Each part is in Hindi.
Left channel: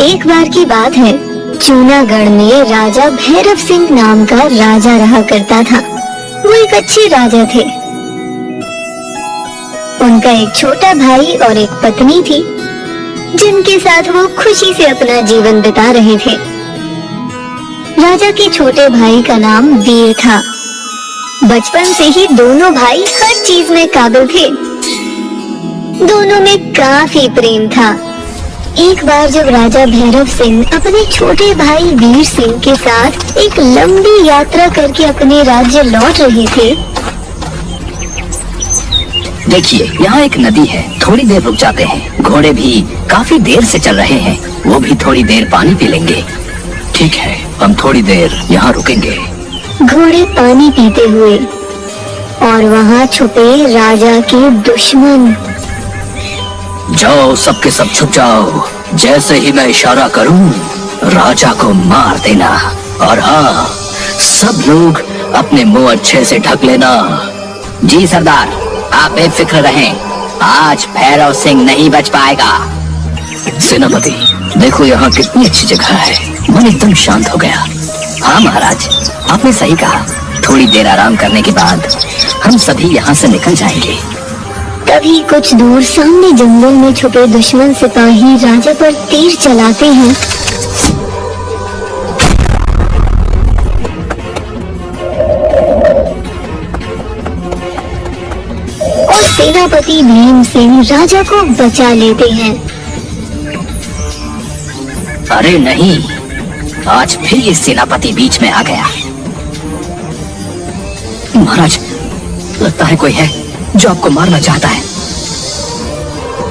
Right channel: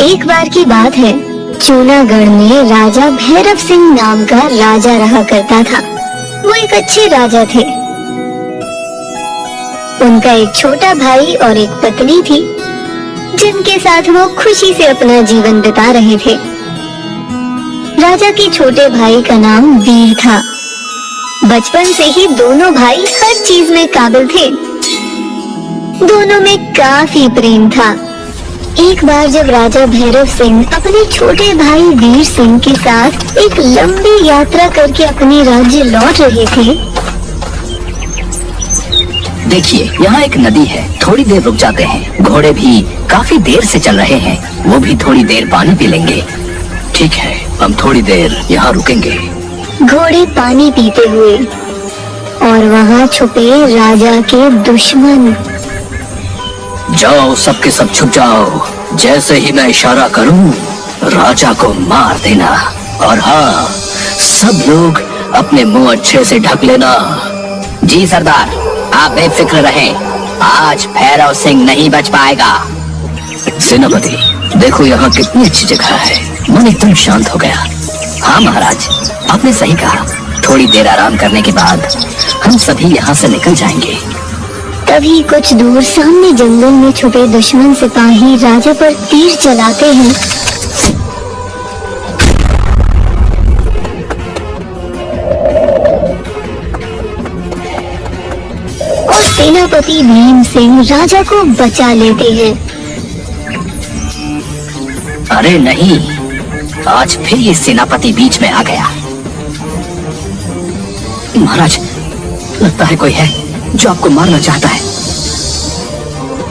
एक बार की बात है, जूनागढ़ में राजा भैरव सिंह नाम का राजा रहा करता था। वो एक अच्छे राजा थे। उनका एक छोटा भाई और एक पत्नी थी, जिनके साथ वो खुशी से अपना जीवन बिता रहे थे। राजा के छोटे भाई का नाम वीर था। बचपन से ही दोनों भाई हर चीज में काबिल थे। दोनों में काफी प्रेम था। एक बार जब राजा भैरव सिंह अपने छोटे भाई वीर सिंह के साथ एक लंबी यात्रा करके अपने राज्य लौट रहे थे। देखिए, यहाँ एक नदी है, थोड़ी देर रुक जाते हैं। घोड़े भी काफी देर से चल रहे हैं, वो भी थोड़ी देर पानी पी लेंगे। ठीक है, हम थोड़ी देर यहाँ रुकेंगे। घोड़े पानी पीते हुए और वहाँ छुपे राजा के दुश्मन। जाओ, सबके सब छुप जाओ। जैसे ही मैं इशारा करूं, राजा को मार देना। और हाँ, सब लोग अपने मुंह अच्छे से ढक लेना। जी सरदार, आप बेफिक्र रहें, आज भैरव सिंह नहीं बच पाएगा। सेनापति, देखो यहाँ कितनी अच्छी जगह है। मन एकदम शांत हो गया। हाँ महाराज, आपने सही कहा। थोड़ी देर आराम करने के बाद हम सभी यहाँ से निकल जाएंगे। तभी कुछ दूर सामने जंगल में छुपे दुश्मन सिपाही राजा पर तीर चलाते हैं। और सेनापति भीम सिंह राजा को बचा लेते हैं। अरे नहीं, आज फिर ये सेनापति बीच में आ गया। महाराज, लगता है कोई है जो आपको मारना चाहता है।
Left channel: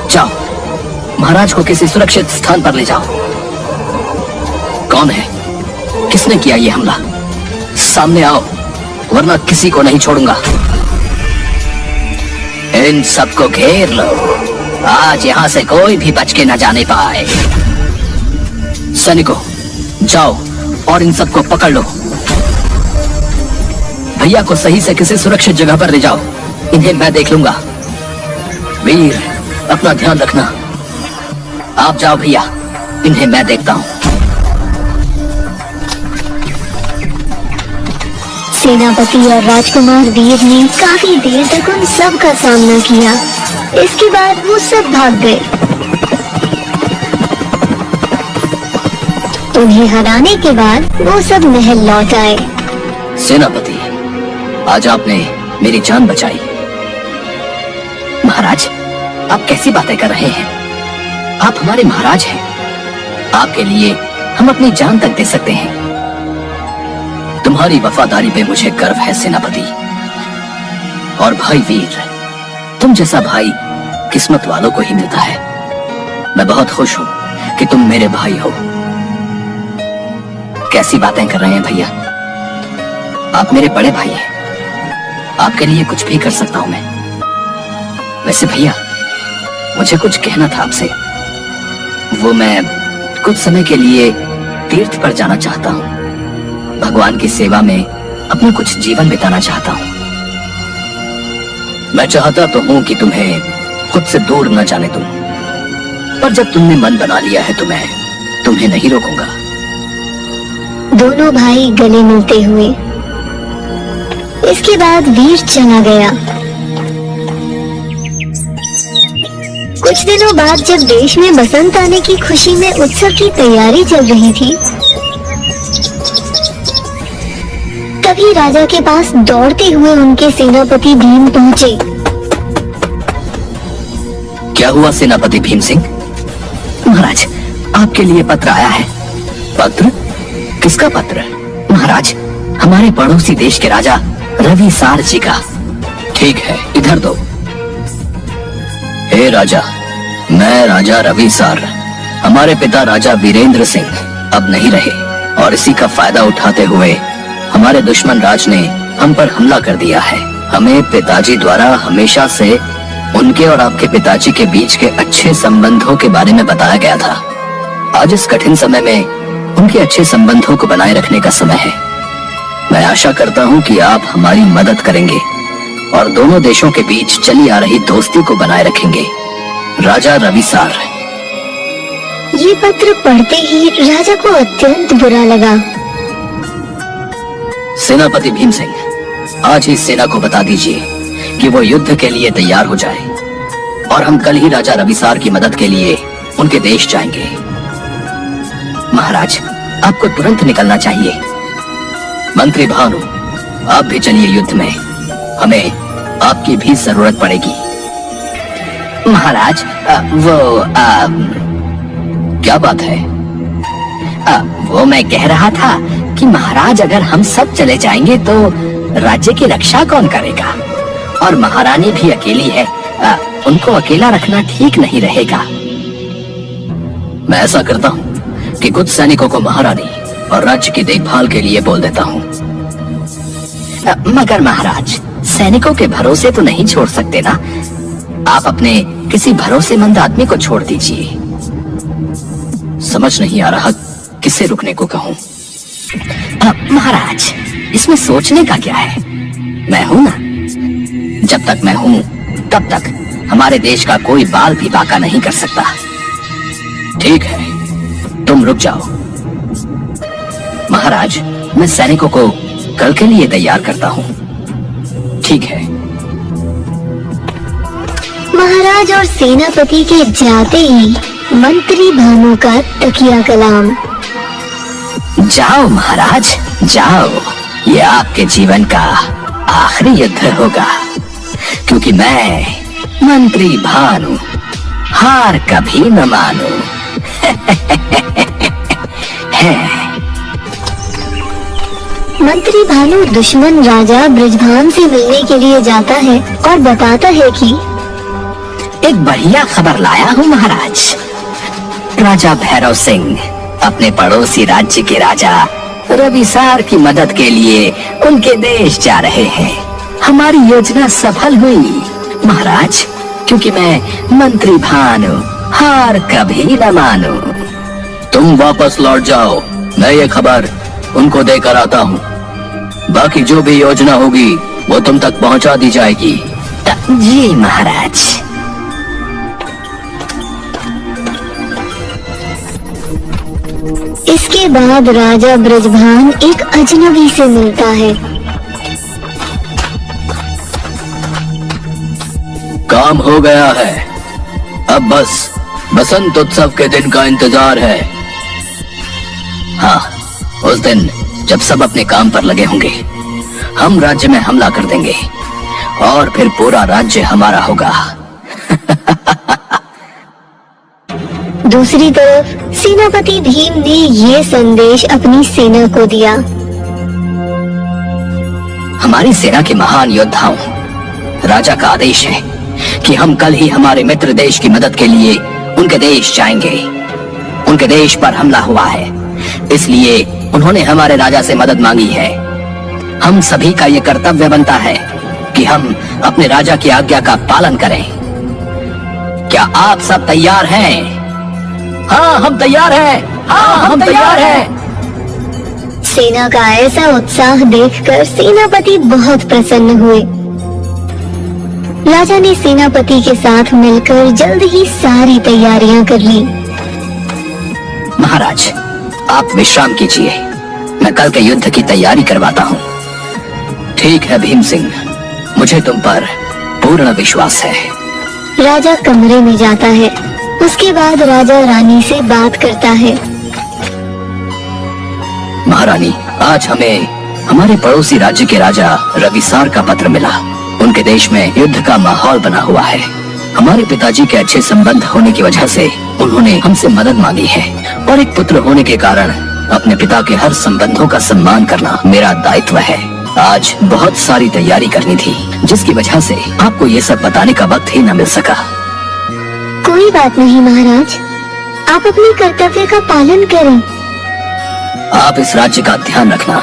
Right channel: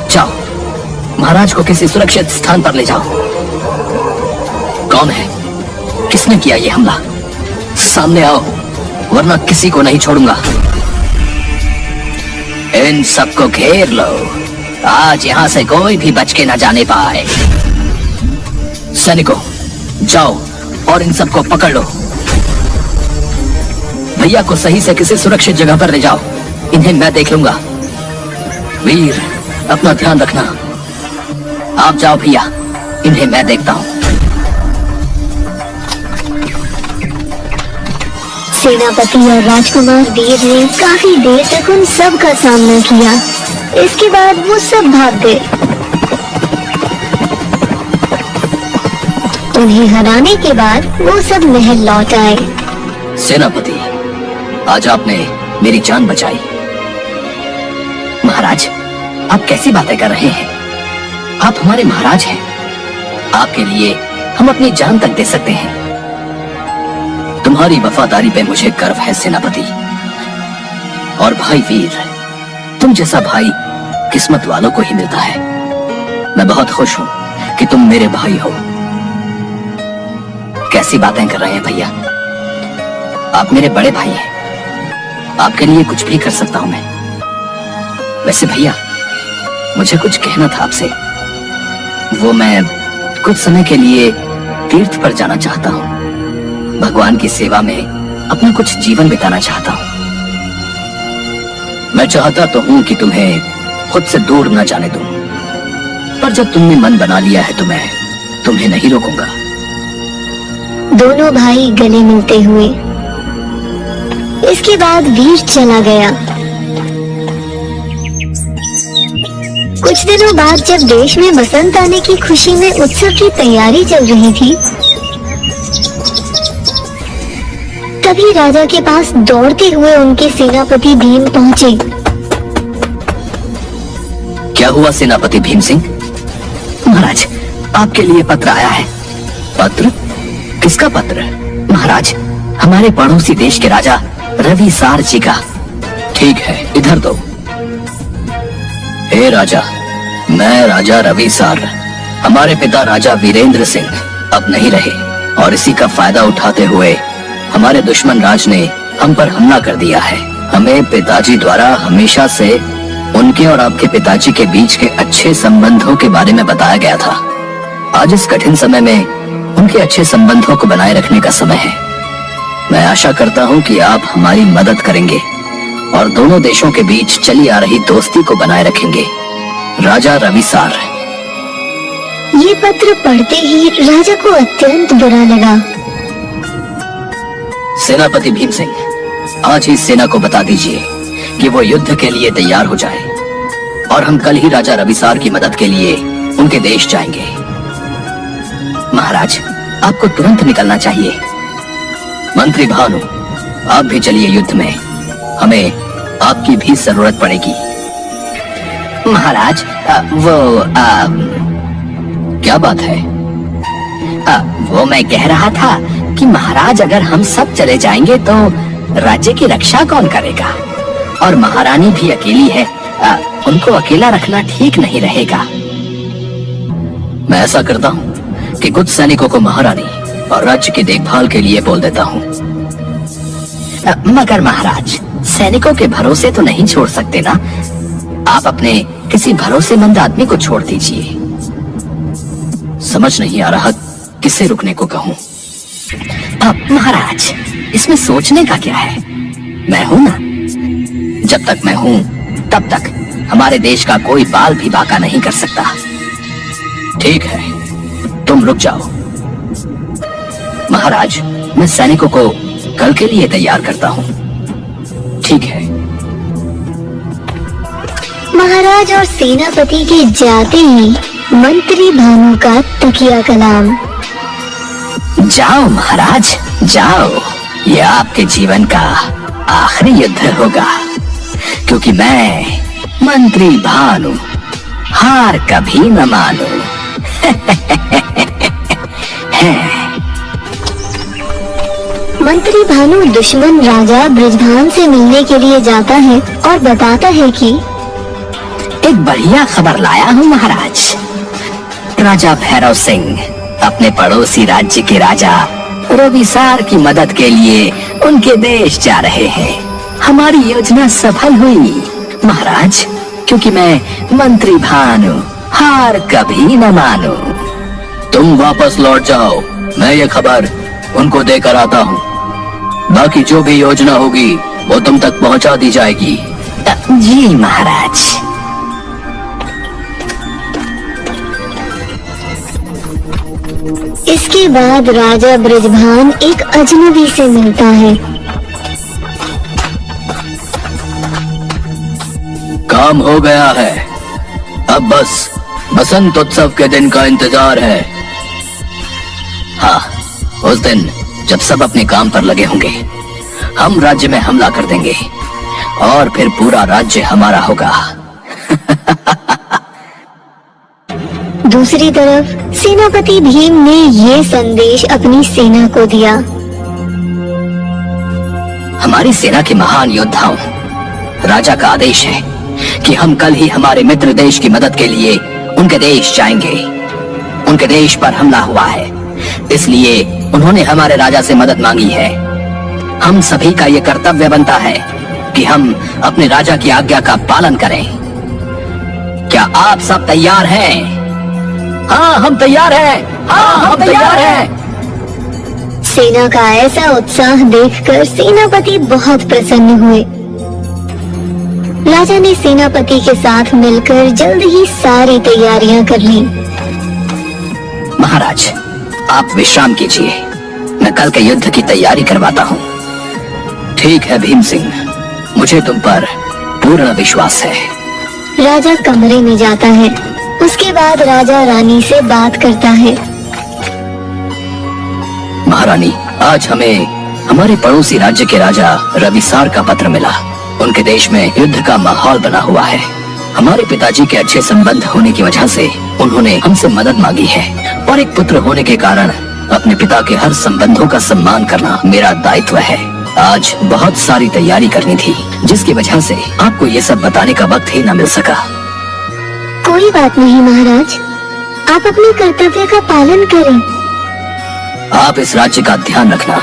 जाओ, महाराज को किसी सुरक्षित स्थान पर ले जाओ। कौन है? किसने किया ये हमला? सामने आओ, वरना किसी को नहीं छोड़ूंगा। इन सबको घेर लो। आज यहाँ से कोई भी बच के न जाने पाए। सैनिकों, जाओ और इन सबको पकड़ लो। भैया को सही से किसी सुरक्षित जगह पर ले जाओ। इन्हें मैं देख लूंगा। वीर, अपना ध्यान रखना। आप जाओ भैया, इन्हें मैं देखता हूँ। सेनापति और राजकुमार वीर ने काफी देर तक उन सब का सामना किया। इसके बाद वो सब भाग गए। उन्हें हराने के बाद वो सब महल लौट आए। सेनापति, आज आपने मेरी जान बचाई। महाराज, आप कैसी बातें कर रहे हैं? आप हमारे महाराज हैं। आपके लिए हम अपनी जान तक दे सकते हैं। तुम्हारी वफादारी पे मुझे गर्व है सेनापति। और भाई वीर, तुम जैसा भाई किस्मत वालों को ही मिलता है। मैं बहुत खुश हूँ कि तुम मेरे भाई हो। कैसी बातें कर रहे हैं भैया? आप मेरे बड़े भाई हैं। आपके लिए कुछ भी कर सकता हूं मैं। वैसे भैया, मुझे कुछ कहना था आपसे। वो मैं कुछ समय के लिए तीर्थ पर जाना चाहता हूँ। भगवान की सेवा में अपना कुछ जीवन बिताना चाहता हूँ। मैं चाहता तो हूँ कि तुम्हें खुद से दूर न जाने दूं, पर जब तुमने मन बना लिया है तो मैं तुम्हें नहीं रोकूंगा। दोनों भाई गले मिलते हुए। इसके बाद वीर चला गया। कुछ दिनों बाद जब देश में बसंत आने की खुशी में उत्सव की तैयारी चल रही थी, तभी राजा के पास दौड़ते हुए उनके सेनापति भीम पहुंचे। क्या हुआ सेनापति भीम सिंह? महाराज, आपके लिए पत्र आया है। पत्र? किसका पत्र? महाराज, हमारे पड़ोसी देश के राजा रवि सार जी का। ठीक है, इधर दो। हे राजा, मैं राजा रवि सार। हमारे पिता राजा वीरेंद्र सिंह अब नहीं रहे और इसी का फायदा उठाते हुए हमारे दुश्मन राज ने हम पर हमला कर दिया है। हमें पिताजी द्वारा हमेशा से उनके और आपके पिताजी के बीच के अच्छे संबंधों के बारे में बताया गया था। आज इस कठिन समय में उनके अच्छे संबंधों को बनाए रखने का समय है। मैं आशा करता हूँ कि आप हमारी मदद करेंगे और दोनों देशों के बीच चली आ रही दोस्ती को बनाए रखेंगे। राजा रवि सार। ये पत्र पढ़ते ही राजा को अत्यंत बुरा लगा। सेनापति भीम सिंह, आज ही सेना को बता दीजिए कि वो युद्ध के लिए तैयार हो जाए और हम कल ही राजा रविसार की मदद के लिए उनके देश जाएंगे। महाराज, आपको तुरंत निकलना चाहिए। मंत्री भानु, आप भी चलिए युद्ध में, हमें आपकी भी जरूरत पड़ेगी। महाराज, क्या बात है? वो मैं कह रहा था कि महाराज, अगर हम सब चले जाएंगे तो राज्य की रक्षा कौन करेगा? और महारानी भी अकेली है, उनको अकेला रखना ठीक नहीं रहेगा। मैं ऐसा करता हूँ कि कुछ सैनिकों को महारानी और राज्य की देखभाल के लिए बोल देता हूँ। मगर महाराज, सैनिकों के भरोसे तो नहीं छोड़ सकते ना। आप अपने किसी भरोसेमंद आदमी को छोड़ दीजिए। समझ नहीं आ रहा किसे रुकने को कहूँ। महाराज, इसमें सोचने का क्या है? मैं हूं ना। जब तक मैं हूं तब तक हमारे देश का कोई बाल भी बाका नहीं कर सकता। ठीक है, तुम रुक जाओ। महाराज, मैं सैनिकों को कल के लिए तैयार करता हूँ। ठीक है। महाराज और सेनापति के जाते ही मंत्री भानु का तकिया कलाम। जाओ महाराज, जाओ। ये आपके जीवन का आखिरी युद्ध होगा, क्योंकि मैं मंत्री भानु हार कभी न मानू। मंत्री भानु दुश्मन राजा बृजभान से मिलने के लिए जाता है और बताता है कि एक बढ़िया खबर लाया हूँ महाराज। राजा भैरव सिंह अपने पड़ोसी राज्य के राजा रविसार की मदद के लिए उनके देश जा रहे हैं। हमारी योजना सफल हुई महाराज, क्योंकि मैं मंत्री भानु हार कभी न मानू। तुम वापस लौट जाओ, मैं ये खबर उनको देकर आता हूँ। बाकी जो भी योजना होगी वो तुम तक पहुँचा दी जाएगी। जी महाराज। इसके बाद राजा बृजभान एक अजनबी से मिलता है। काम हो गया है, अब बस बसंत उत्सव के दिन का इंतजार है। हाँ, उस दिन जब सब अपने काम पर लगे होंगे, हम राज्य में हमला कर देंगे और फिर पूरा राज्य हमारा होगा। दूसरी तरफ सेनापति भीम ने ये संदेश अपनी सेना को दिया। हमारी सेना के महान योद्धाओं, राजा का आदेश है कि हम कल ही हमारे मित्र देश की मदद के लिए उनके देश जाएंगे। उनके देश पर हमला हुआ है, इसलिए उन्होंने हमारे राजा से मदद मांगी है। हम सभी का ये कर्तव्य बनता है कि हम अपने राजा की आज्ञा का पालन करें। क्या आप सब तैयार हैं? हाँ, हम तैयार हैं। हाँ, हम तैयार हैं। सेना का ऐसा उत्साह देखकर सेनापति बहुत प्रसन्न हुए। राजा ने सेनापति के साथ मिलकर जल्द ही सारी तैयारियां कर ली। महाराज, आप विश्राम कीजिए, मैं कल के युद्ध की तैयारी करवाता हूँ। ठीक है भीम सिंह, मुझे तुम पर पूर्ण विश्वास है। राजा कमरे में जाता है। उसके बाद राजा रानी से बात करता है। महारानी, आज हमें हमारे पड़ोसी राज्य के राजा रविसार का पत्र मिला। उनके देश में युद्ध का माहौल बना हुआ है। हमारे पिताजी के अच्छे संबंध होने की वजह से उन्होंने हमसे मदद मांगी है, और एक पुत्र होने के कारण अपने पिता के हर संबंधों का सम्मान करना मेरा दायित्व है। आज बहुत सारी तैयारी करनी थी, जिसकी वजह से आपको ये सब बताने का वक्त ही न मिल सका। कोई बात नहीं महाराज, आप अपने कर्तव्य का पालन करें। आप इस राज्य का ध्यान रखना।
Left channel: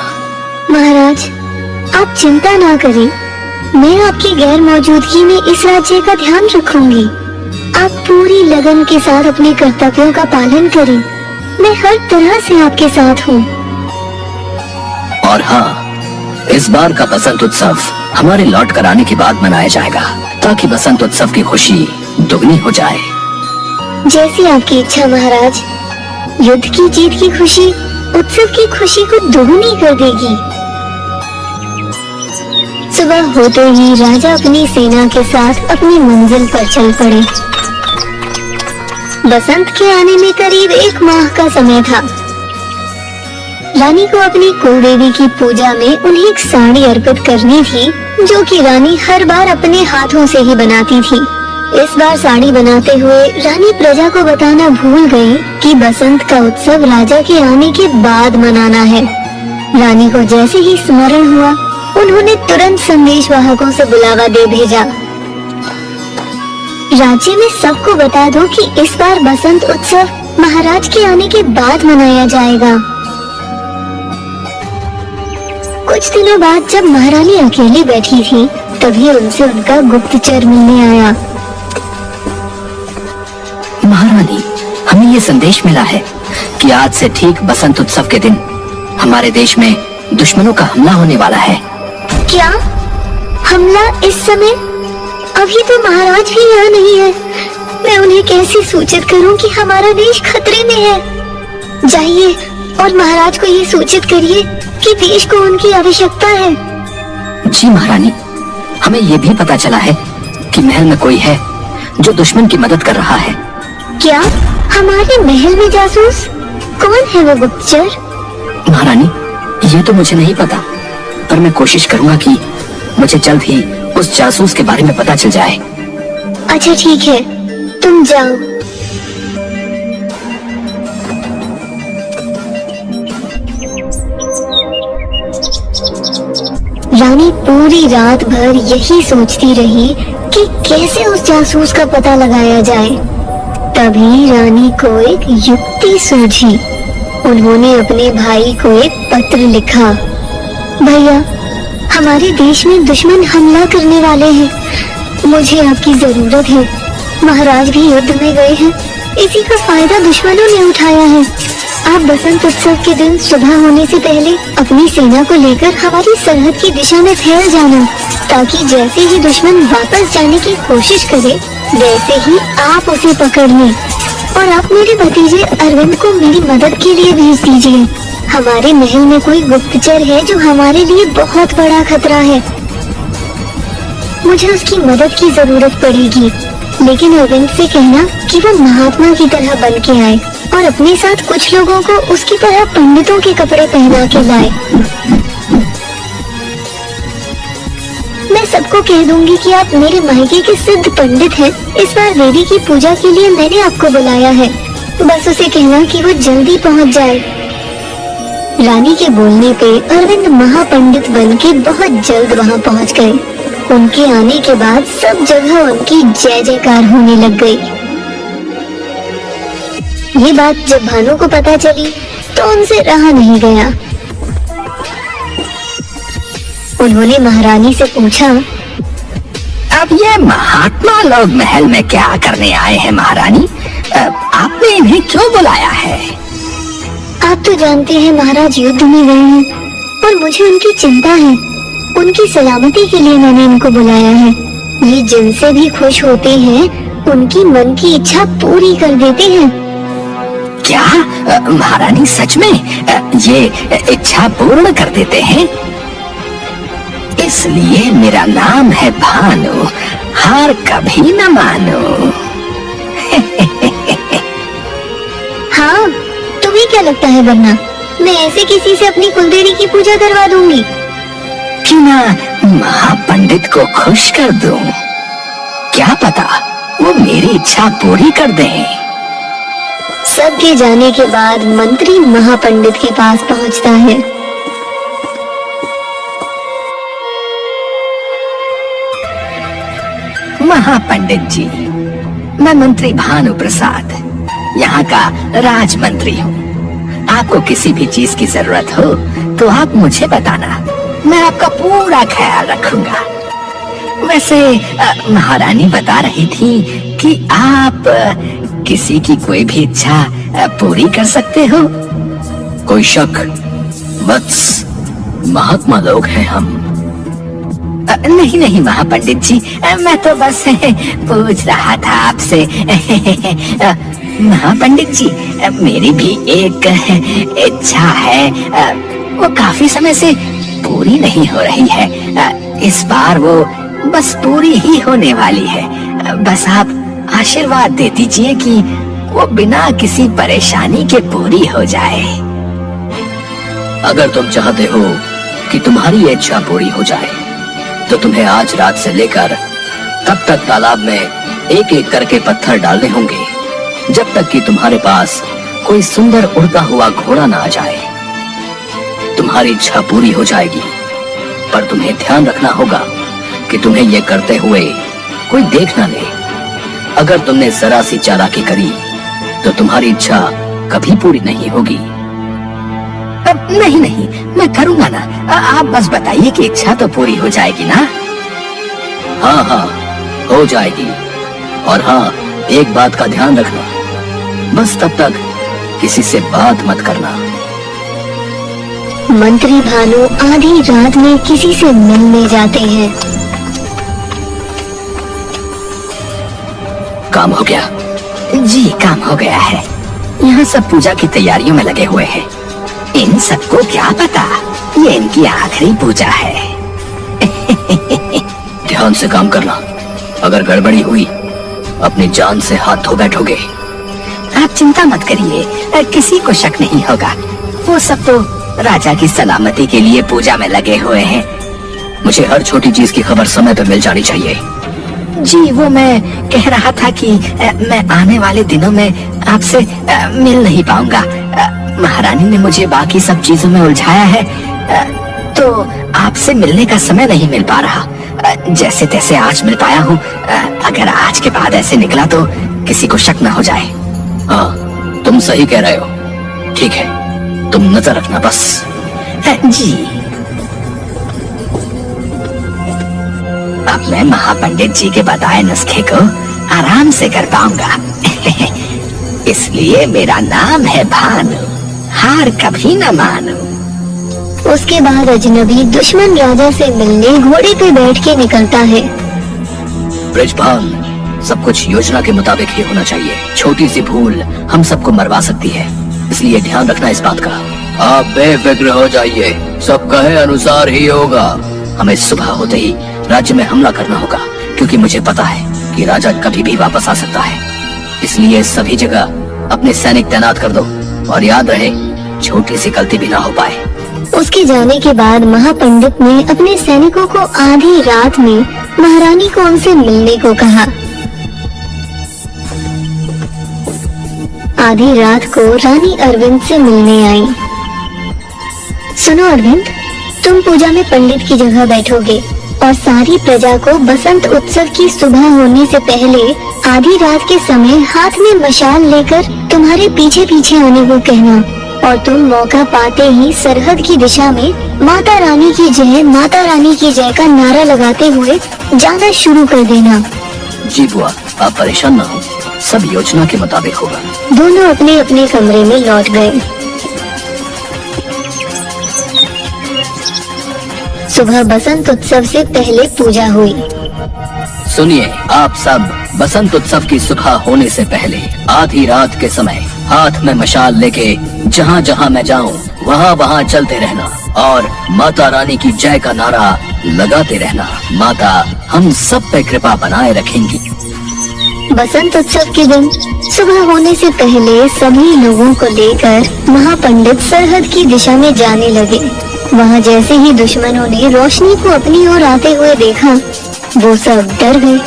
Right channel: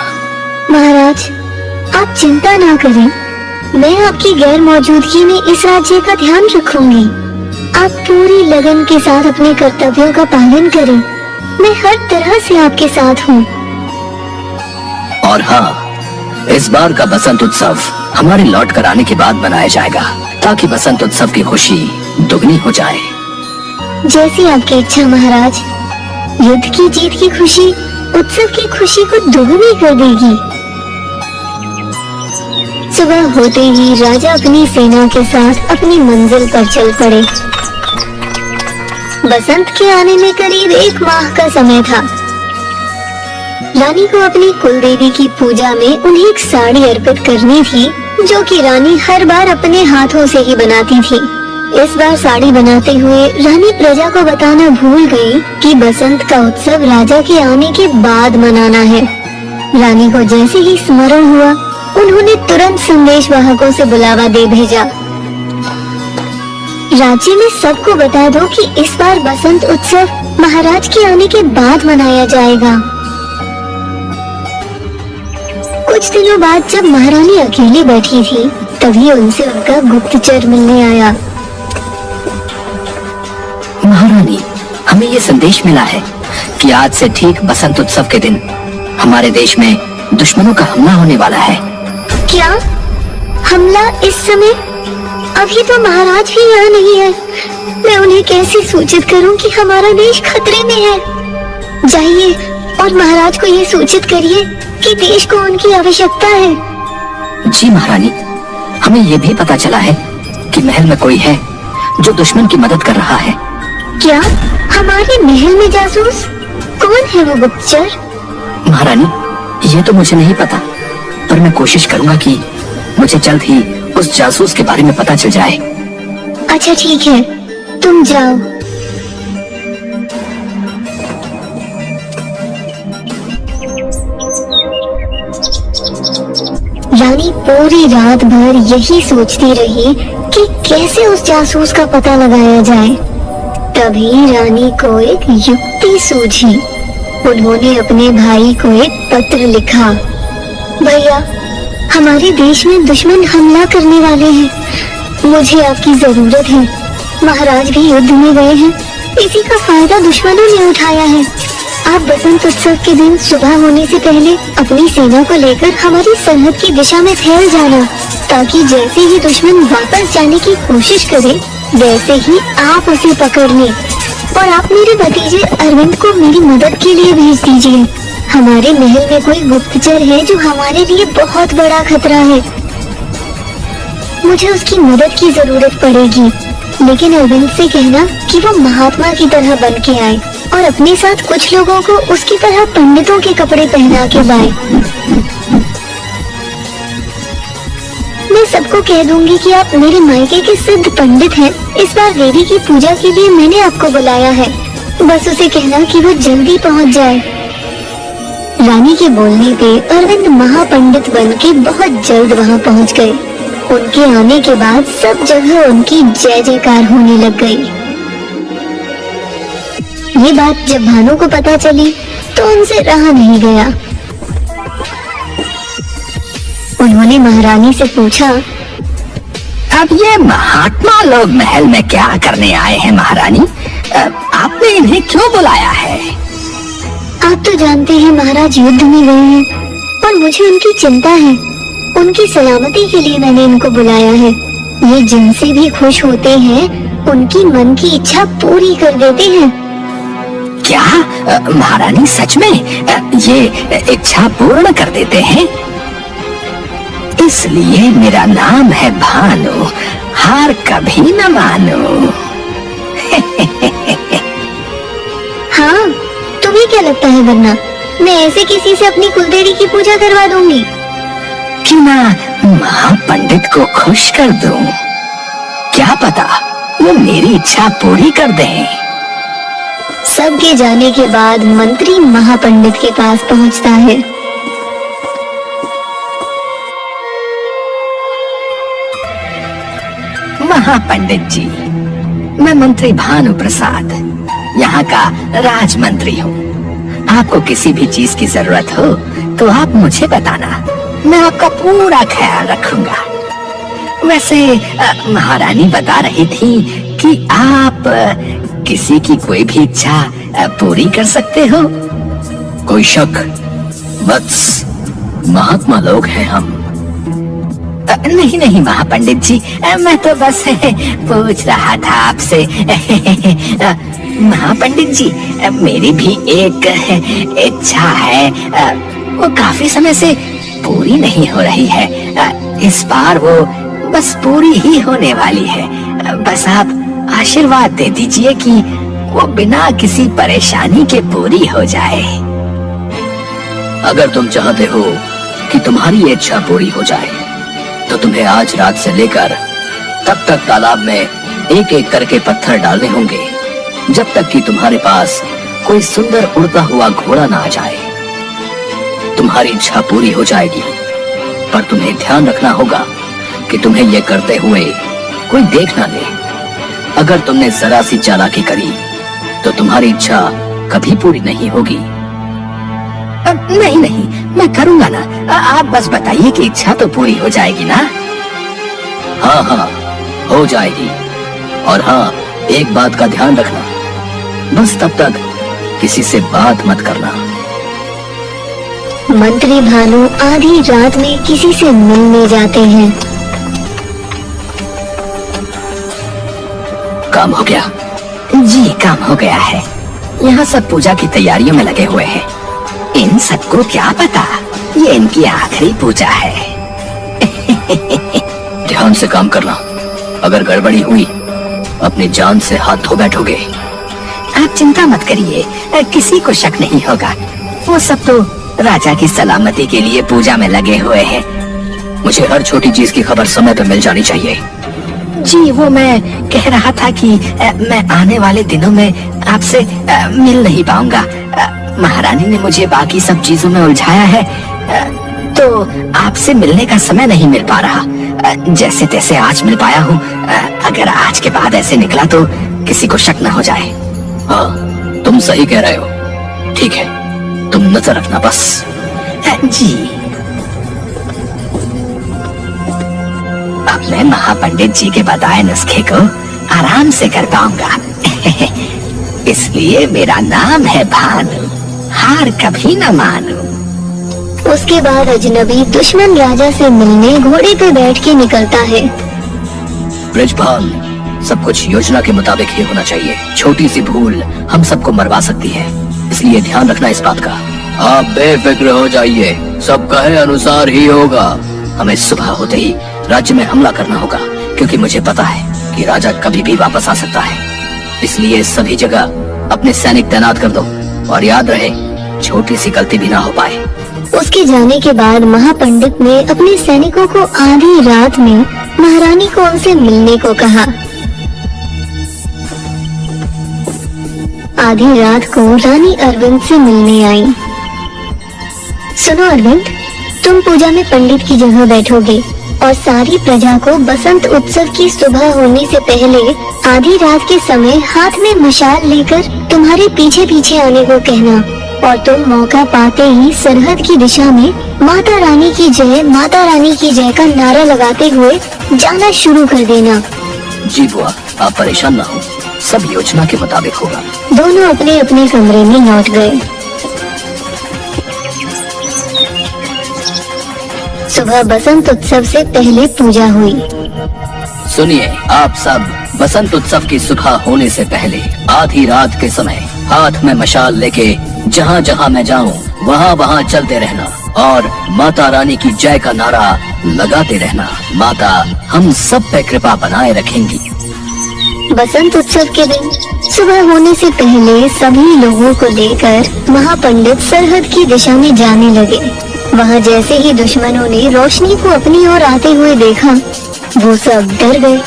महाराज, आप चिंता ना करें, मैं आपकी गैर मौजूदगी में इस राज्य का ध्यान रखूंगी। आप पूरी लगन के साथ अपने कर्तव्यों का पालन करें। मैं हर तरह से आपके साथ हूँ। और हाँ, इस बार का बसंत उत्सव हमारे लौट कर आने के बाद मनाया जाएगा, ताकि बसंत उत्सव की खुशी दुगनी हो जाए। जैसी आपकी इच्छा महाराज। युद्ध की जीत की खुशी उत्सव की खुशी को दोगुनी कर देगी। सुबह होते ही राजा अपनी सेना के साथ अपनी मंजिल पर चल पड़े। बसंत के आने में करीब 1 माह का समय था। रानी को अपनी कुलदेवी की पूजा में उन्हें एक साड़ी अर्पित करनी थी, जो कि रानी हर बार अपने हाथों से ही बनाती थी। इस बार साड़ी बनाते हुए रानी प्रजा को बताना भूल गई कि बसंत का उत्सव राजा के आने के बाद मनाना है। रानी को जैसे ही स्मरण हुआ, उन्होंने तुरंत संदेशवाहकों से बुलावा दे भेजा। राज्य में सबको बता दो कि इस बार बसंत उत्सव महाराज के आने के बाद मनाया जाएगा। कुछ दिनों बाद जब महारानी अकेली बैठी थी, तभी उनसे उनका गुप्तचर मिलने आया। महारानी, हमें ये संदेश मिला है कि आज से ठीक बसंत उत्सव के दिन हमारे देश में दुश्मनों का हमला होने वाला है। क्या हमला इस समय? अभी तो महाराज भी यहाँ नहीं है। मैं उन्हें कैसे सूचित करूं कि हमारा देश खतरे में है? जाइए और महाराज को ये सूचित करिए कि देश को उनकी आवश्यकता है। जी महारानी, हमें ये भी पता चला है कि महल में कोई है जो दुश्मन की मदद कर रहा है। क्या हमारे महल में जासूस? कौन है वो गुप्तचर? महारानी, ये तो मुझे नहीं पता, पर मैं कोशिश करूंगा कि मुझे जल्द ही उस जासूस के बारे में पता चल जाए। अच्छा ठीक है, तुम जाओ। रानी पूरी रात भर यही सोचती रही कि कैसे उस जासूस का पता लगाया जाए। तभी रानी को एक युक्ति सूझी। उन्होंने अपने भाई को एक पत्र लिखा। भैया, हमारे देश में दुश्मन हमला करने वाले हैं। मुझे आपकी जरूरत है। महाराज भी युद्ध में गए हैं। इसी का फायदा दुश्मनों ने उठाया है। आप बसंत उत्सव के दिन सुबह होने से पहले अपनी सेना को लेकर हमारी सरहद की दिशा में फैल जाना, ताकि जैसे ही दुश्मन वापस जाने की कोशिश करे, वैसे ही आप उसे पकड़ लें। और आप मेरे भतीजे अरविंद को मेरी मदद के लिए भेज दीजिए। हमारे महल में कोई गुप्तचर है जो हमारे लिए बहुत बड़ा खतरा है। मुझे उसकी मदद की जरूरत पड़ेगी, लेकिन अरविंद से कहना कि वो महात्मा की तरह बन के आए और अपने साथ कुछ लोगों को उसकी तरह पंडितों के कपड़े पहना के लाए। मैं सबको कह दूंगी कि आप मेरे मायके के सिद्ध पंडित हैं। इस बार देवी की पूजा के लिए मैंने आपको बुलाया है। बस उसे कहना कि वो जल्दी पहुंच जाए। रानी के बोलने पे अरविंद महापंडित बन के बहुत जल्द वहां पहुंच गए। उनके आने के बाद सब जगह उनकी जय जयकार होने लग गई। ये बात जब भानु को पता चली तो उनसे रहा नहीं गया। उन्होंने महारानी से पूछा, अब ये महात्मा लोग महल में क्या करने आए हैं महारानी? आपने इन्हें क्यों बुलाया है? आप तो जानते हैं महाराज युद्ध में गए हैं और मुझे उनकी चिंता है। उनकी सलामती के लिए मैंने इनको बुलाया है। ये जिनसे भी खुश होते हैं उनकी मन की इच्छा पूरी कर देते हैं। क्या महारानी सच में ये इच्छा पूर्ण कर देते हैं? इसलिए मेरा नाम है भानु, हार कभी न मानू। हाँ, तुम्हें क्या लगता है वरना मैं ऐसे किसी से अपनी कुलदेवी की पूजा करवा दूंगी? क्यों ना महापंडित को खुश कर दूं? क्या पता वो मेरी इच्छा पूरी कर दे। सबके जाने के बाद मंत्री महापंडित के पास पहुंचता है। महापंडित जी, मैं मंत्री भानु प्रसाद यहाँ का राजमंत्री हूँ। आपको किसी भी चीज की जरूरत हो तो आप मुझे बताना, मैं आपका पूरा ख्याल रखूंगा। वैसे महारानी बता रही थी कि आप किसी की कोई भी इच्छा पूरी कर सकते हो। कोई शक? बस महात्मा लोग हैं हम। नहीं नहीं महापंडित जी, मैं तो बस पूछ रहा था आपसे। महापंडित जी, मेरी भी एक इच्छा है, वो काफी समय से पूरी नहीं हो रही है। इस बार वो बस पूरी ही होने वाली है। बस आप आशीर्वाद दे दीजिए कि वो बिना किसी परेशानी के पूरी हो जाए। अगर तुम चाहते हो कि तुम्हारी इच्छा पूरी हो जाए तो तुम्हें आज रात से लेकर तब तक तालाब में एक एक करके पत्थर डालने होंगे जब तक कि तुम्हारे पास कोई सुंदर उड़ता हुआ घोड़ा ना आ जाए। तुम्हारी इच्छा पूरी हो जाएगी, पर तुम्हें ध्यान रखना होगा कि तुम्हें ये करते हुए कोई देख ना ले। अगर तुमने जरा सी चालाकी करी तो तुम्हारी इच्छा कभी पूरी नहीं होगी। नहीं नहीं, मैं करूंगा ना। आप बस बताइए कि इच्छा तो पूरी हो जाएगी ना? हाँ हाँ, हो जाएगी। और हाँ, एक बात का ध्यान रखना, बस तब तक किसी से बात मत करना। मंत्री भानु आधी रात में किसी से मिलने जाते हैं। काम हो गया? जी, काम हो गया है। यहाँ सब पूजा की तैयारियों में लगे हुए हैं। इन सबको क्या पता ये इनकी आखिरी पूजा है। ध्यान से काम करना, अगर गड़बड़ी हुई अपनी जान से हाथ धो बैठोगे। आप चिंता मत करिए, किसी को शक नहीं होगा। वो सब तो राजा की सलामती के लिए पूजा में लगे हुए हैं। मुझे हर छोटी चीज की खबर समय पर मिल जानी चाहिए। जी, वो मैं कह रहा था कि मैं आने वाले दिनों में आपसे मिल नहीं पाऊंगा। महारानी ने मुझे बाकी सब चीजों में उलझाया है, तो आपसे मिलने का समय नहीं मिल पा रहा। जैसे तैसे आज मिल पाया हूँ। अगर आज के बाद ऐसे निकला तो किसी को शक न हो जाए। हाँ, तुम सही कह रहे हो। ठीक है, तुम नजर रखना बस। जी। अब मैं महापंडित जी के बताए नुस्खे को आराम से कर पाऊंगा। इसलिए मेरा नाम है भानु, हार कभी न मानू। उसके बाद अजनबी दुश्मन राजा से मिलने घोड़े पे बैठ के निकलता है। ब्रजपाल, सब कुछ योजना के मुताबिक ही होना चाहिए। छोटी सी भूल हम सबको मरवा सकती है, इसलिए ध्यान रखना इस बात का। आप बेफिक्र हो जाइए, सब कहे अनुसार ही होगा। हमें सुबह होते ही राज्य में हमला करना होगा, क्योंकि मुझे पता है कि राजा कभी भी वापस आ सकता है। इसलिए सभी जगह अपने सैनिक तैनात कर दो, और याद रहे छोटी सी गलती भी ना हो पाए। उसके जाने के बाद महापंडित ने अपने सैनिकों को आधी रात में महारानी को उनसे मिलने को कहा। आधी रात को रानी अरविंद से मिलने आई। सुनो अरविंद, तुम पूजा में पंडित की जगह बैठोगे और सारी प्रजा को बसंत उत्सव की सुबह होने से पहले आधी रात के समय हाथ में मशाल लेकर तुम्हारे पीछे पीछे आने को कहना, और तुम मौका पाते ही सरहद की दिशा में माता रानी की जय, माता रानी की जय का नारा लगाते हुए जाना शुरू कर देना। जी बुआ, आप परेशान ना हो, सब योजना के मुताबिक होगा। दोनों अपने अपने कमरे में लौट गए। सुबह बसंत उत्सव से पहले पूजा हुई। सुनिए आप सब, बसंत उत्सव की सुबह होने से पहले आधी रात के समय हाथ में मशाल लेके जहाँ जहाँ मैं जाऊँ वहाँ वहाँ चलते रहना और माता रानी की जय का नारा लगाते रहना। माता हम सब पे कृपा बनाए रखेंगी। बसंत उत्सव के दिन सुबह होने से पहले सभी लोगों को लेकर महापंडित सरहद की दिशा में जाने लगे। वहाँ जैसे ही दुश्मनों ने रोशनी को अपनी ओर आते हुए देखा, वो सब डर गए।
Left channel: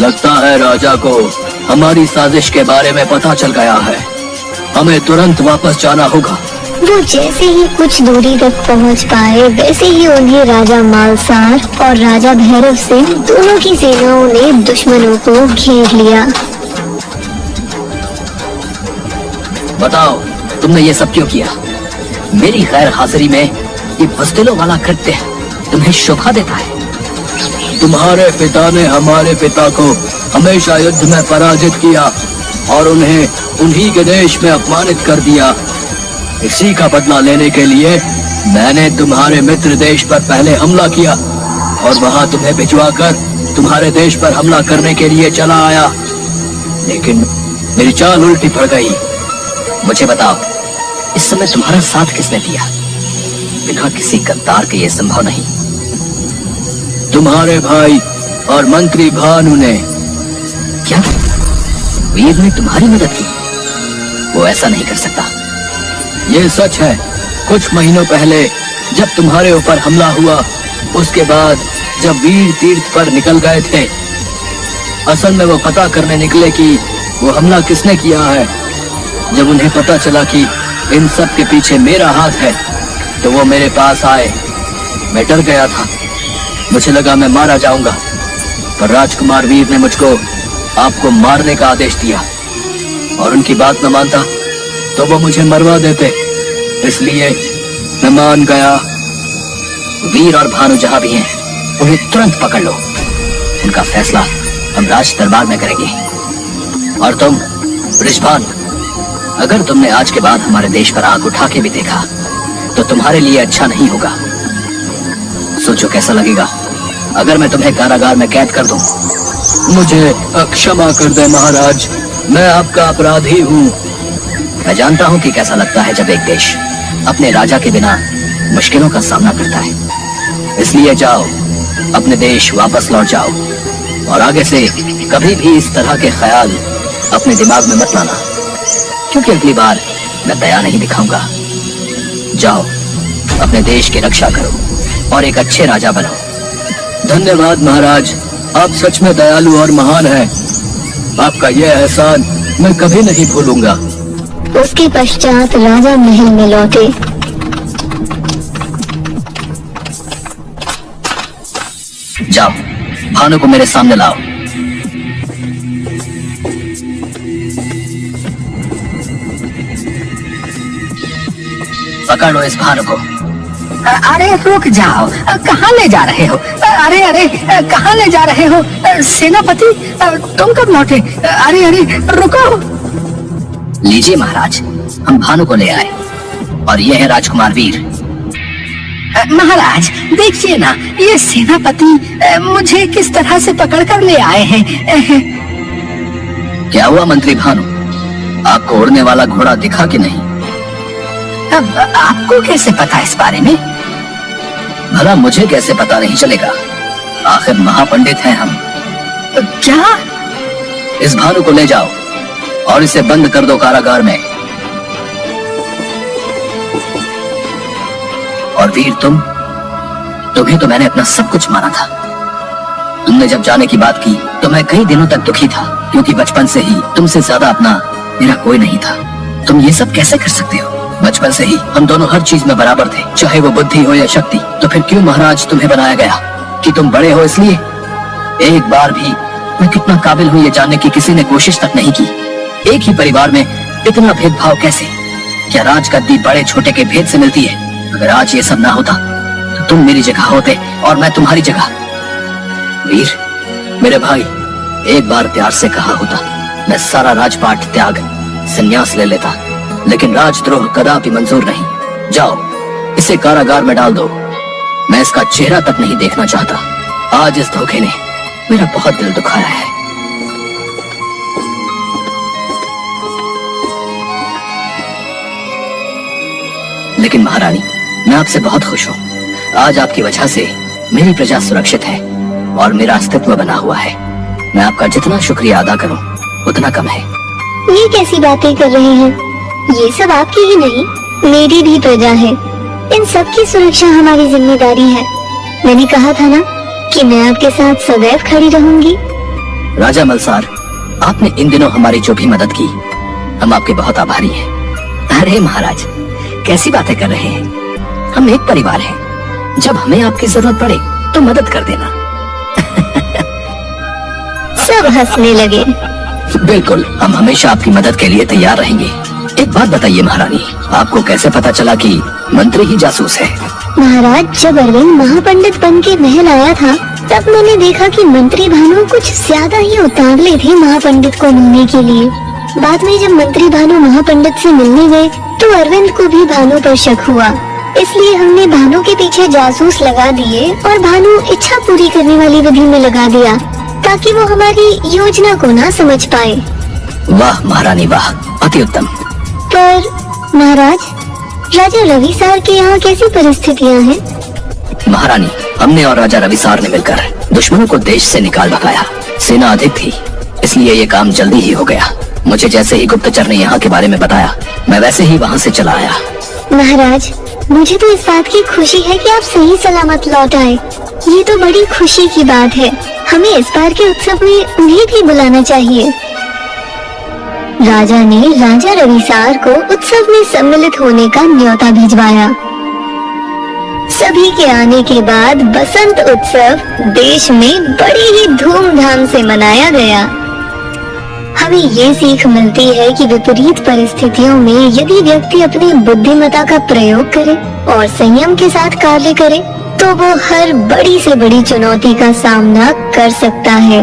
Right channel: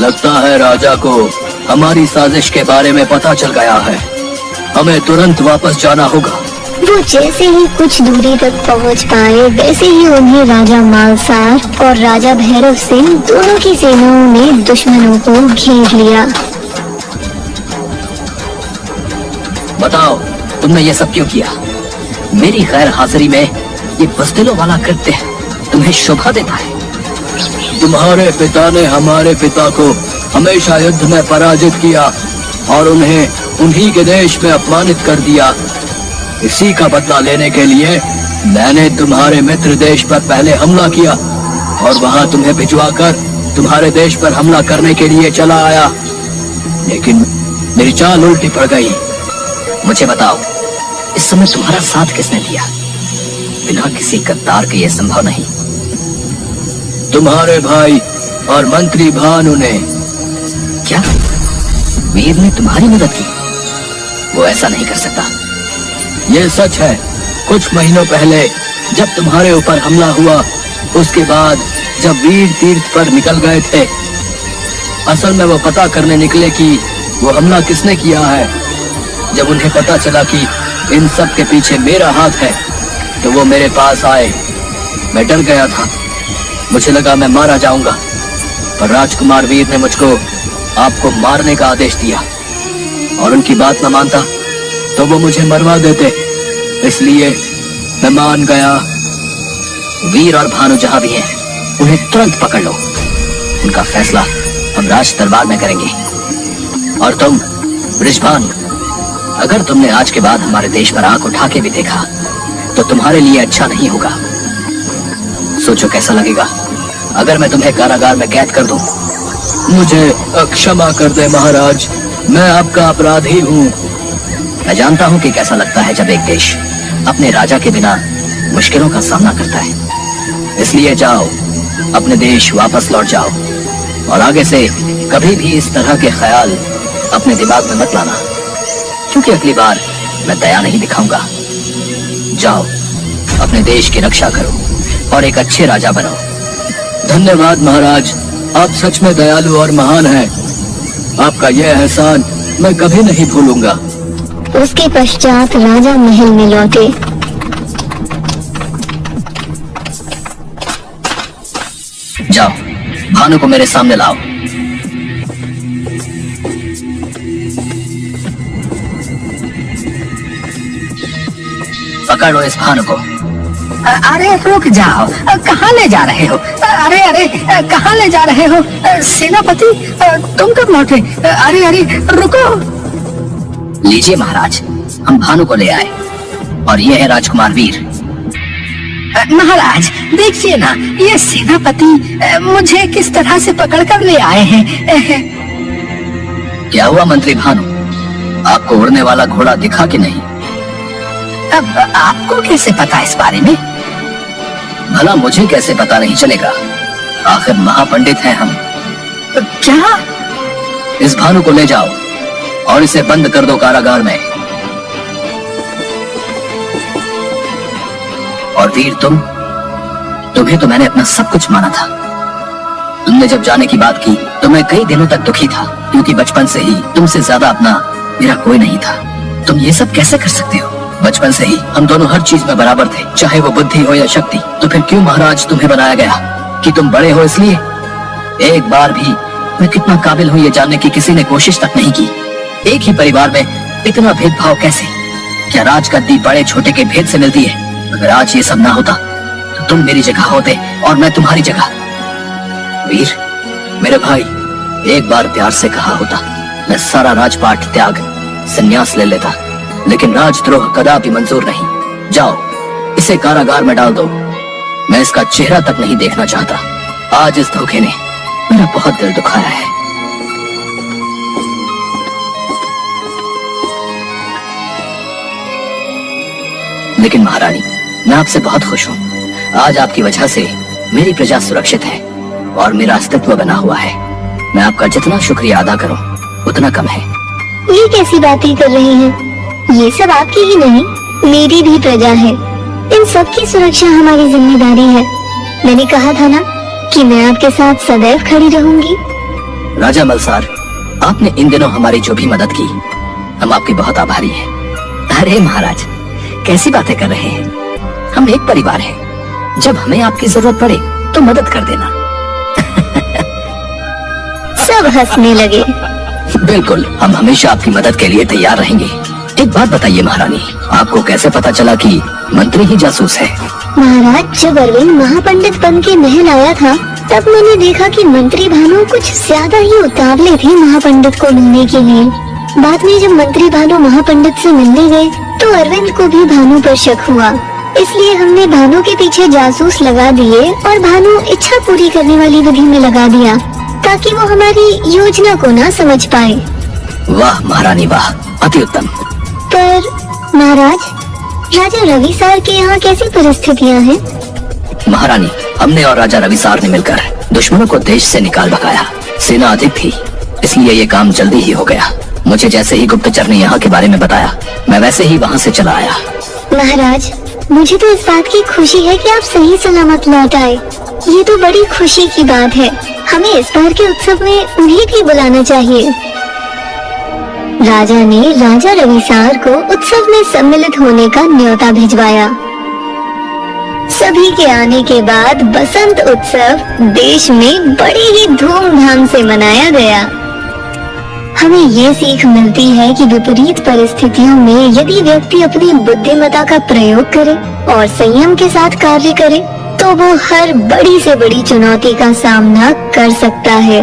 लगता है राजा को हमारी साजिश के बारे में पता चल गया है, हमें तुरंत वापस जाना होगा। वो जैसे ही कुछ दूरी तक पहुंच पाए, वैसे ही उन्हें राजा मालसार और राजा भैरव सिंह दोनों की सेनाओं ने दुश्मनों को घेर लिया। बताओ, तुमने ये सब क्यों किया? मेरी गैर हाजिरी में ये बज़दिलों वाला कृत्य तुम्हें शोभा देता है? तुम्हारे पिता ने हमारे पिता को हमेशा युद्ध में पराजित किया और उन्हें उन्हीं के देश में अपमानित कर दिया। इसी का बदला लेने के लिए मैंने तुम्हारे मित्र देश पर पहले हमला किया और वहां तुम्हें भिजवाकर तुम्हारे देश पर हमला करने के लिए चला आया, लेकिन मेरी चाल उल्टी पड़ गई। मुझे बताओ, इस समय तुम्हारा साथ किसने दिया? बिना किसी गद्दार के यह संभव नहीं। तुम्हारे भाई और मंत्री भानु ने। क्या वीर ने तुम्हारी मदद की? वो ऐसा नहीं कर सकता। ये सच है। कुछ महीनों पहले जब तुम्हारे ऊपर हमला हुआ, उसके बाद जब वीर तीर्थ पर निकल गए थे, असल में वो पता करने निकले कि वो हमला किसने किया है। जब उन्हें पता चला कि इन सब के पीछे मेरा हाथ है, तो वो मेरे पास आए। मैं डर गया था, मुझे लगा मैं मारा जाऊंगा, पर राजकुमार वीर ने मुझको आपको मारने का आदेश दिया, और उनकी बात न मानता तो वो मुझे मरवा देते। इसलिए मैं मान गया। वीर और भानु जहां भी हैं, उन्हें तुरंत पकड़ लो। उनका फैसला हम राज दरबार में करेंगे। और तुम ऋषभानु, अगर तुमने आज के बाद हमारे देश पर आंख उठा के भी देखा, तो तुम्हारे लिए अच्छा नहीं होगा। सोचो कैसा लगेगा अगर मैं तुम्हें कारागार में कैद कर दूं। मुझे क्षमा कर दे महाराज, मैं आपका अपराधी हूँ। मैं जानता हूँ कि कैसा लगता है जब एक देश अपने राजा के बिना मुश्किलों का सामना करता है। इसलिए जाओ, अपने देश वापस लौट जाओ, और आगे से कभी भी इस तरह के ख्याल अपने दिमाग में मत लाना, क्योंकि अगली बार मैं दया नहीं दिखाऊंगा। जाओ, अपने देश की रक्षा करो और एक अच्छे राजा बनो। धन्यवाद महाराज, आप सच में दयालु और महान हैं। आपका यह एहसान मैं कभी नहीं भूलूंगा। उसके पश्चात राजा महल में लौटे। जाओ, भानु को मेरे सामने लाओ। पकड़ लो इस भानु को। अरे रुक जाओ, कहाँ ले जा रहे हो? अरे अरे, कहाँ ले जा रहे हो? सेनापति, तुम कब लौटे? अरे अरे रुको। लीजिए महाराज, हम भानु को ले आए, और ये है राजकुमार वीर। महाराज देखिए ना, ये सेनापति मुझे किस तरह से पकड़ कर ले आए हैं। क्या हुआ मंत्री भानु, आपको उड़ने वाला घोड़ा दिखा कि नहीं? अब आपको कैसे पता इस बारे में? भला मुझे कैसे पता नहीं चलेगा, आखिर महापंडित हैं हम। क्या? इस भानु को ले जाओ और इसे बंद कर दो कारागार में। और वीर, तुम्हें तो मैंने अपना सब कुछ माना था। तुमने जब जाने की बात की तो मैं कई दिनों तक दुखी था, क्योंकि बचपन से ही तुमसे ज्यादा अपना मेरा कोई नहीं था। तुम ये सब कैसे कर सकते हो? बचपन से ही हम दोनों हर चीज में बराबर थे, चाहे वो बुद्धि हो या शक्ति। तो फिर क्यों महाराज तुम्हें बनाया गया? कि तुम बड़े हो इसलिए? एक बार भी मैं कितना काबिल हूँ ये जानने की किसी ने कोशिश तक नहीं की। एक ही परिवार में इतना भेदभाव कैसे? क्या राजगद्दी बड़े छोटे के भेद से मिलती है? अगर आज ये सब ना होता तो तुम मेरी जगह होते और मैं तुम्हारी जगह। वीर, मेरे भाई, एक बार प्यार से कहा होता, मैं सारा राजपाट त्याग संन्यास ले लेता, लेकिन राजद्रोह कदापि मंजूर नहीं। जाओ, इसे कारागार में डाल दो। मैं इसका चेहरा तक नहीं देखना चाहता। आज इस धोखे ने मेरा बहुत दिल दुखाया है। लेकिन महारानी, मैं आपसे बहुत खुश हूँ। आज आपकी वजह से मेरी प्रजा सुरक्षित है और मेरा अस्तित्व बना हुआ है। मैं आपका जितना शुक्रिया अदा करूँ उतना कम है। ये कैसी बातें कर रहे हैं? ये सब आपकी ही नहीं, मेरी भी प्रजा है। इन सब की सुरक्षा हमारी जिम्मेदारी है। मैंने कहा था ना कि मैं आपके साथ सदैव खड़ी रहूंगी। राजा मलसार, आपने इन दिनों हमारी जो भी मदद की, हम आपके बहुत आभारी हैं। अरे महाराज, कैसी बातें कर रहे हैं? हम एक परिवार हैं। जब हमें आपकी जरूरत पड़े तो मदद कर देना। सब हंसने लगे। बिल्कुल, हम हमेशा आपकी मदद के लिए तैयार रहेंगे। एक बात बताइए महारानी, आपको कैसे पता चला कि मंत्री ही जासूस है? महाराज, जब अरविंद महापंडित बन के महल आया था, तब मैंने देखा कि मंत्री भानु कुछ ज्यादा ही उतावले थे महापंडित को मिलने के लिए। बाद में जब मंत्री भानु महापंडित से मिलने गए तो अरविंद को भी भानु पर शक हुआ। इसलिए हमने भानु के पीछे जासूस लगा दिए और भानु इच्छा पूरी करने वाली विधि में लगा दिया ताकि वो हमारी योजना को ना समझ पाए। वाह महारानी वाह, अति उत्तम। पर महाराज, राजा रविसार के यहाँ कैसी परिस्थितियाँ हैं? महारानी, हमने और राजा रविसार ने मिलकर दुश्मनों को देश से निकाल भगाया। सेना अधिक थी, इसलिए ये काम जल्दी ही हो गया। मुझे जैसे ही गुप्तचर ने यहाँ के बारे में बताया, मैं वैसे ही वहाँ से चला आया। महाराज, मुझे तो इस बात की खुशी है कि आप सही सलामत लौट आए। ये तो बड़ी खुशी की बात है। हमें इस बार के उत्सव में उन्हें भी बुलाना चाहिए। राजा ने राजा रविसार को उत्सव में सम्मिलित होने का न्योता भिजवाया। सभी के आने के बाद बसंत उत्सव देश में बड़ी ही धूमधाम से मनाया गया। हमें ये सीख मिलती है कि विपरीत परिस्थितियों में यदि व्यक्ति अपनी बुद्धिमत्ता का प्रयोग करे और संयम के साथ कार्य करे तो वो हर बड़ी से बड़ी चुनौती का सामना कर सकता है।